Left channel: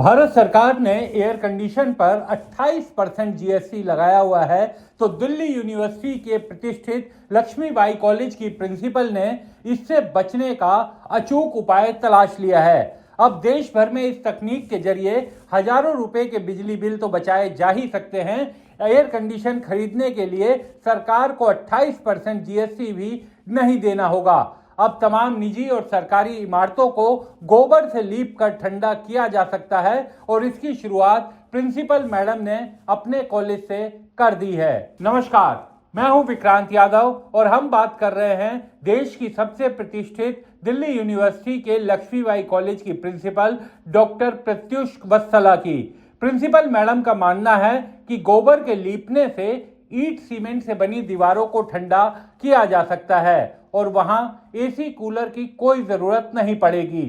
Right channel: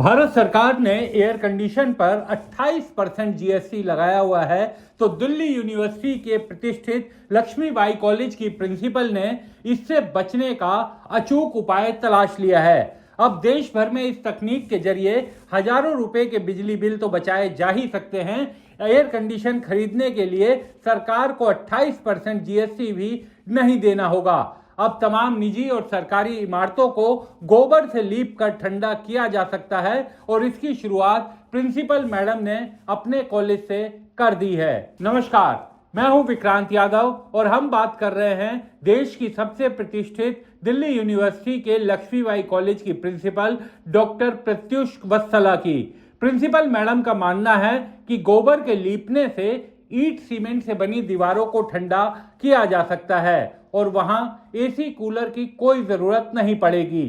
भारत सरकार ने air condition पर 28% जीएसटी लगाया हुआ है, तो दिल्ली यूनिवर्सिटी के प्रतिष्ठित लक्ष्मीबाई कॉलेज की प्रिंसिपल ने इससे बचने का अचूक उपाय तलाश लिया है। अब देश भर में इस तकनीक के जरिए हजारों रुपए के बिजली बिल तो बचाए जा ही सकते हैं। एयर कंडीशन खरीदने के लिए सरकार को 28% जीएसटी भी नहीं देना होगा। अब तमाम निजी और सरकारी इमारतों को गोबर से लीप कर ठंडा किया जा सकता है और इसकी शुरुआत प्रिंसिपल मैडम ने अपने कॉलेज से कर दी है। नमस्कार, मैं हूं विक्रांत यादव और हम बात कर रहे हैं देश की सबसे प्रतिष्ठित दिल्ली यूनिवर्सिटी के लक्ष्मीबाई कॉलेज की प्रिंसिपल डॉक्टर प्रत्युष वत्सला की। प्रिंसिपल मैडम का मानना है कि गोबर के लीपने से ईंट सीमेंट से बनी दीवारों को ठंडा किया जा सकता है और वहां एसी कूलर की कोई जरूरत नहीं पड़ेगी।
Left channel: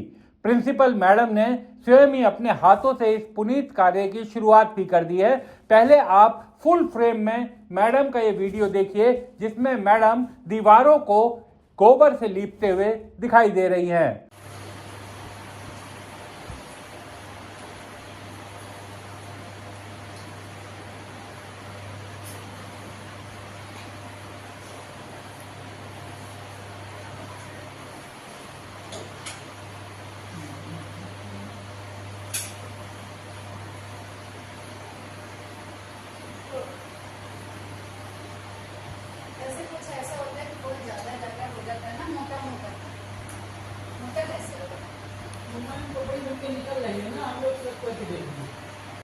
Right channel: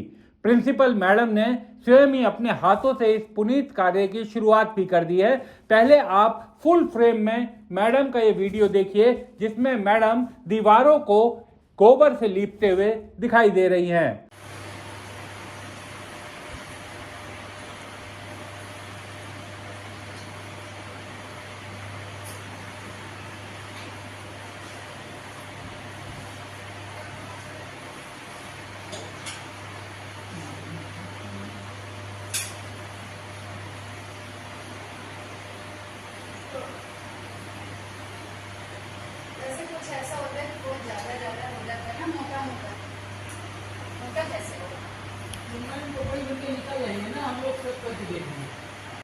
प्रिंसिपल मैडम ने स्वयं ही अपने हाथों से इस पुनीत कार्य की शुरुआत भी कर दी है। पहले आप फुल फ्रेम में मैडम का ये वीडियो देखिए, जिसमें मैडम दीवारों को गोबर से लीपते हुए दिखाई दे रही हैं। ऐसे कुछ ऐसा होता है कि बहुत ज्यादा ज्यादा हो जाता है ना, मोटा मोटा मोटा कैसे होगा? तो कोई मिट्टी निकल रही है ना, हम लोग सब कुछ देख रहे हैं।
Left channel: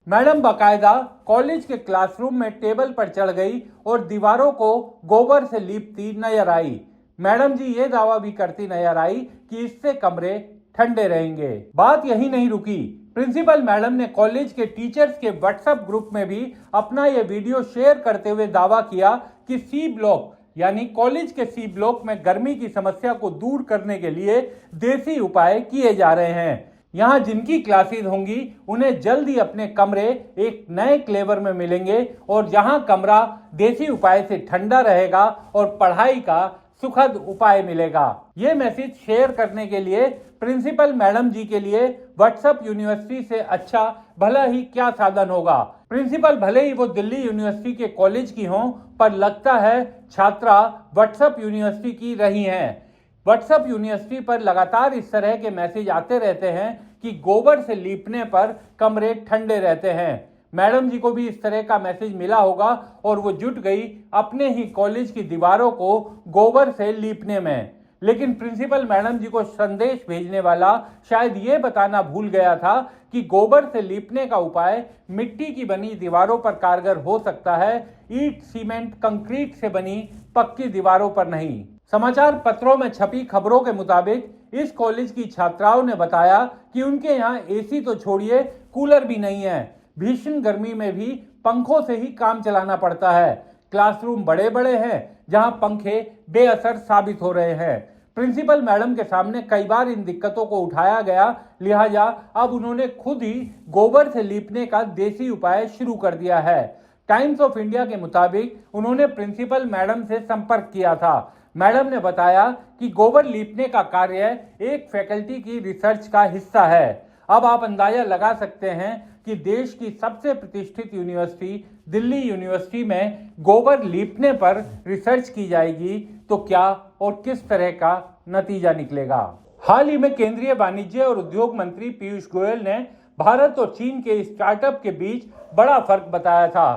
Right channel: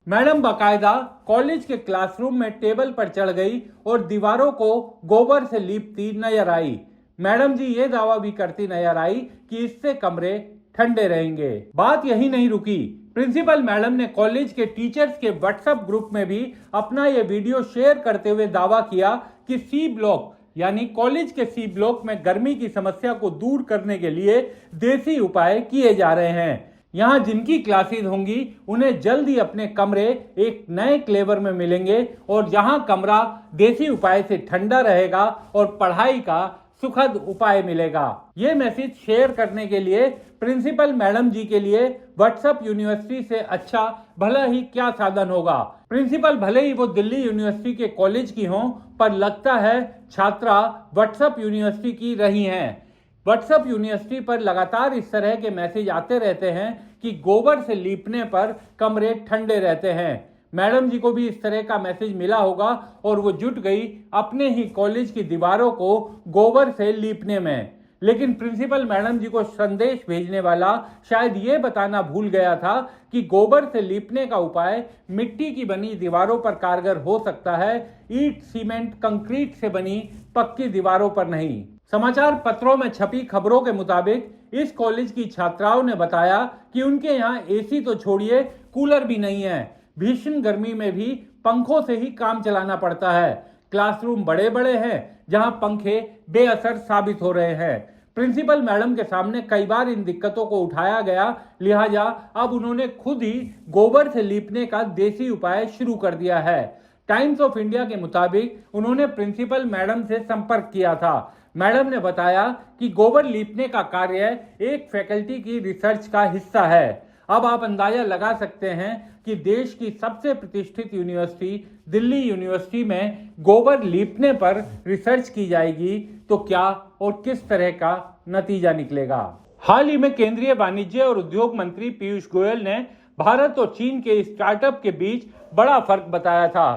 मैडम बाकायदा कॉलेज के क्लासरूम में टेबल पर चढ़ गई और दीवारों को गोबर से लीपती नजर आई। मैडम जी ये दावा भी करती नजर आई कि इससे कमरे ठंडे रहेंगे। बात यही नहीं रुकी। प्रिंसिपल मैडम ने कॉलेज के टीचर्स के व्हाट्सएप ग्रुप में भी अपना ये वीडियो शेयर करते हुए दावा किया कि सी ब्लॉक यानी कॉलेज के सी ब्लॉक में गर्मी की समस्या को दूर करने के लिए देसी उपाय किए जा रहे हैं। यहाँ जिनकी क्लासेस होंगी उन्हें जल्द ही अपने कमरे एक नए क्लेवर में मिलेंगे और जहां कमरा देसी उपाय से ठंडा रहेगा और पढ़ाई का सुखद उपाय मिलेगा। ये मैसेज शेयर करने के लिए प्रिंसिपल मैडम जी के लिए व्हाट्सएप यूनिवर्सिटी से अच्छा भला ही क्या साधन होगा। प्रिंसिपल भले ही वो दिल्ली यूनिवर्सिटी के कॉलेज की हों, पर लगता है छात्रा व्हाट्सएप यूनिवर्सिटी की रही हैं। व्हाट्सएप यूनिवर्सिटी पर लगातार इस तरह के मैसेज आते रहते हैं कि गोबर से लीपने पर कमरे ठंडे रहते हैं। मैडम जी को भी इस तरह का मैसेज मिला होगा और वो जुट गई अपने ही कॉलेज की दीवारों को गोबर से लीपने में। लेकिन प्रिंसिपल मैडम जी को संदेश भेजने वाला शायद ये बताना भूल गया था कि गोबर से लीपने का उपाय मिट्टी की बनी दीवारों पर कारगर हो सकता है, ईंट सीमेंट कंक्रीट से बनी पक्की दीवारों पर नहीं। समाचार पत्रों में छपी खबरों के मुताबिक इस कॉलेज की छात्राओं ने बताया कि उनके यहाँ एसी तो छोड़िए, कूलर भी नहीं है। भीषण गर्मी में भी पंखों से ही काम चलाना पड़ता है। क्लासरूम बड़े बड़े हैं जहां पंखे बेअसर साबित हो रहे हैं। प्रिंसिपल मैडम के सामने कई बार इन दिक्कतों को उठाया गया, लिहाजा अब उन्होंने खुद ही गोबर से लीपने का देसी उपाय शुरू कर दिया है। टाइम्स ऑफ इंडिया के मुताबिक उन्होंने प्रिंसिपल मैडम से संपर्क किया था। मैडम ने बताया कि गोबर लीपने का कार्य एक फैकल्टी की रिसर्च का हिस्सा है। अब आप अंदाजा लगा सकते हैं कि देश की सबसे प्रतिष्ठित यूनिवर्सिटी दिल्ली यूनिवर्सिटी में गोबर लीपने पर रिसर्च की जाएगी तो क्या और किस तरह का नतीजा निकलेगा। हाल ही में केंद्रीय वाणिज्य और उद्योग मंत्री पीयूष गोयल ने भारत और चीन के स्टार्टअप के बीच बड़ा फर्क बताया था।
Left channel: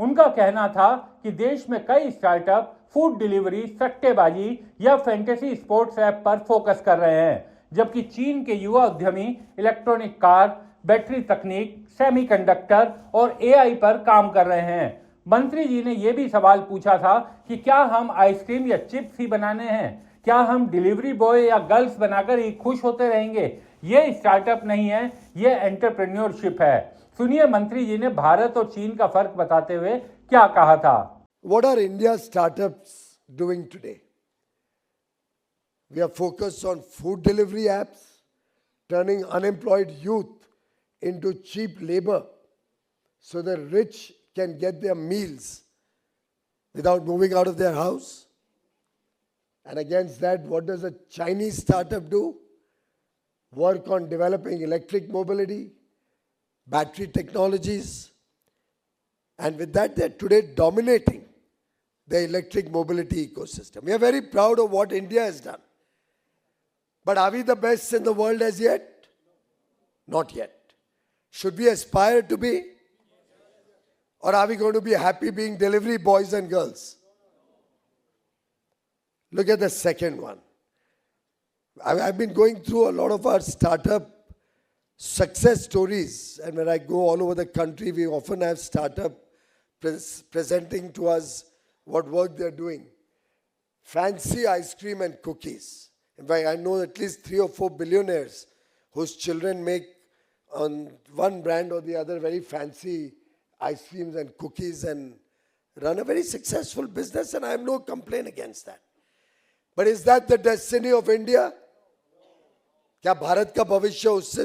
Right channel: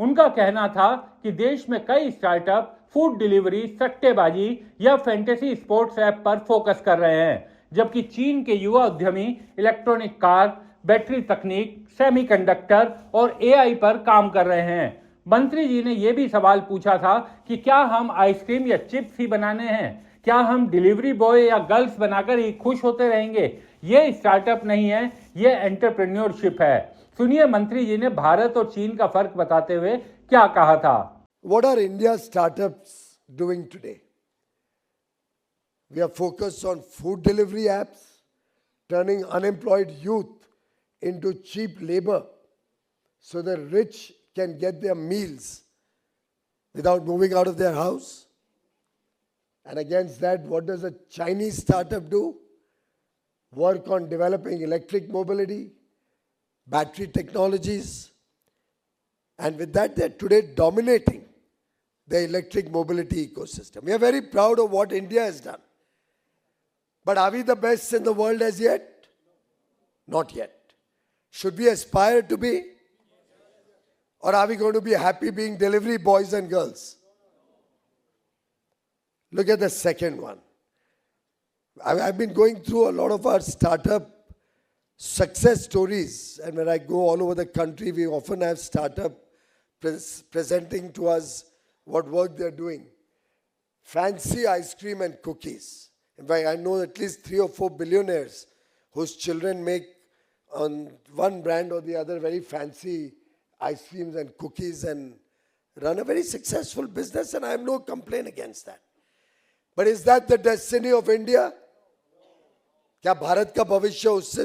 उनका कहना था कि देश में कई स्टार्टअप फूड डिलीवरी, सट्टेबाजी या फैंटेसी स्पोर्ट्स ऐप पर फोकस कर रहे हैं, जबकि चीन के युवा उद्यमी इलेक्ट्रॉनिक कार, बैटरी तकनीक, सेमीकंडक्टर और एआई पर काम कर रहे हैं। मंत्री जी ने यह भी सवाल पूछा था कि क्या हम आइसक्रीम या चिप्स ही बनाने हैं, क्या हम डिलीवरी बॉय या गर्ल्स बनाकर ही खुश होते रहेंगे। ये स्टार्टअप नहीं है, ये एंटरप्रेन्योरशिप है। सुनिए मंत्री जी ने भारत और चीन का फर्क बताते हुए क्या कहा था। What are India's startups doing today? We are focused on food delivery apps, turning unemployed youth into cheap labor so the rich can get their meals without moving out of their house. And against that, what does a Chinese startup do? Work on developing electric mobility, battery technologies, and with that they're today dominating the electric mobility ecosystem. We are very proud of what India has done. But are we the best in the world as yet? Not yet. Should we aspire to be? Or are we going to be happy being delivery boys and girls? Look at the second one. I've been going through a lot of our startup success stories, and when I go all over the country, we often have startup presenting to us what work they're doing. Fancy ice cream and cookies. In fact, I know at least 3 or 4 billionaires whose children make on one brand or the other very fancy ice creams and cookies and run a very successful business, and I have no complaint against that. But is that the destiny of India? क्या भारत का भविष्य उससे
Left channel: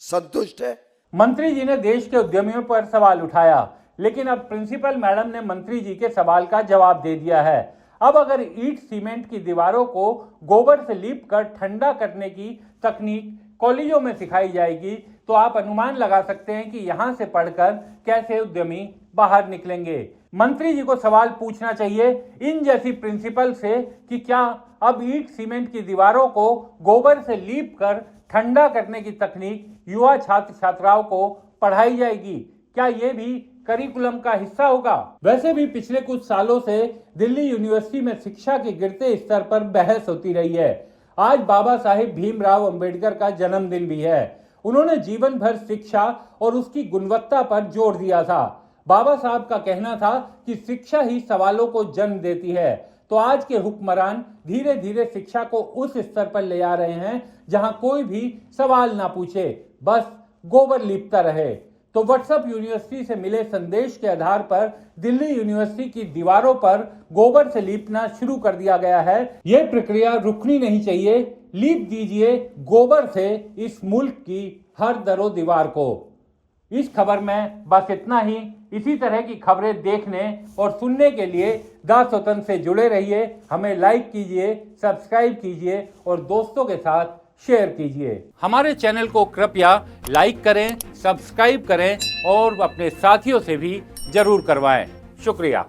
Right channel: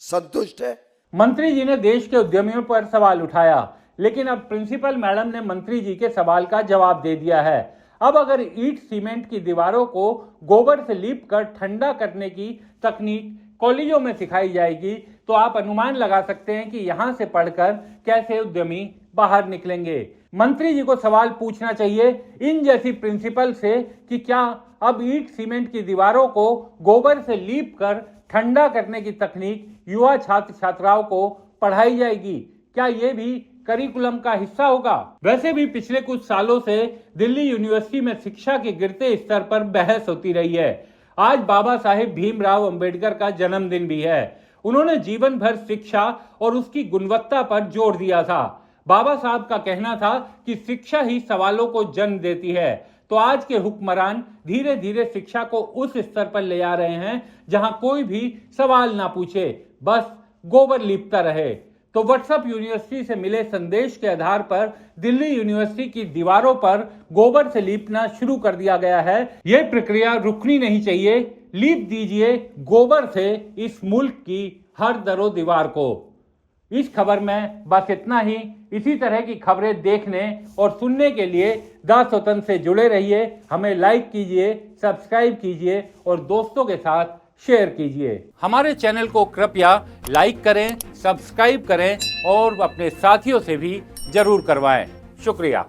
संतुष्ट है? मंत्री जी ने देश के उद्यमियों पर सवाल उठाया, लेकिन अब प्रिंसिपल मैडम ने मंत्री जी के सवाल का जवाब दे दिया है। अब अगर ईंट सीमेंट की दीवारों को गोबर से लीप कर ठंडा करने की तकनीक कॉलेजों में सिखाई जाएगी तो आप अनुमान लगा सकते हैं कि यहां से पढ़कर कैसे उद्यमी बाहर निकलेंगे। मंत्री जी को सवाल पूछना चाहिए इन जैसी प्रिंसिपल से कि क्या अब ईंट सीमेंट की दीवारों को गोबर से लीप कर ठंडा करने की तकनीक युवा छात्र छात्राओं को पढ़ाई जाएगी? क्या ये भी करिकुलम का हिस्सा होगा? वैसे भी पिछले कुछ सालों से दिल्ली यूनिवर्सिटी में शिक्षा के गिरते स्तर पर बहस होती रही है। आज बाबा साहेब भीमराव अंबेडकर का जन्मदिन भी है। उन्होंने जीवन भर शिक्षा और उसकी गुणवत्ता पर जोर दिया था। बाबा साहब का कहना था कि शिक्षा ही सवालों को जन्म देती है। तो आज के हुक्मरान धीरे धीरे शिक्षा को उस स्तर पर ले आ रहे हैं जहां कोई भी सवाल ना पूछे, बस गोबर लीपता रहे। तो व्हाट्सएप यूनिवर्सिटी से मिले संदेश के आधार पर दिल्ली यूनिवर्सिटी की दीवारों पर गोबर से लीपना शुरू कर दिया गया है। यह प्रक्रिया रुकनी नहीं चाहिए। लीप दीजिए गोबर से इस मुल्क की हर दरो दीवार को। इस खबर में बस इतना ही। इसी तरह की खबरें देखने और सुनने के लिए द स्वतंत्र से जुड़े रहिए। हमें लाइक कीजिए, सब्सक्राइब कीजिए और दोस्तों के साथ शेयर कीजिए। हमारे चैनल को कृपया लाइक करें, सब्सक्राइब करें और अपने साथियों से भी जरूर करवाएं। शुक्रिया।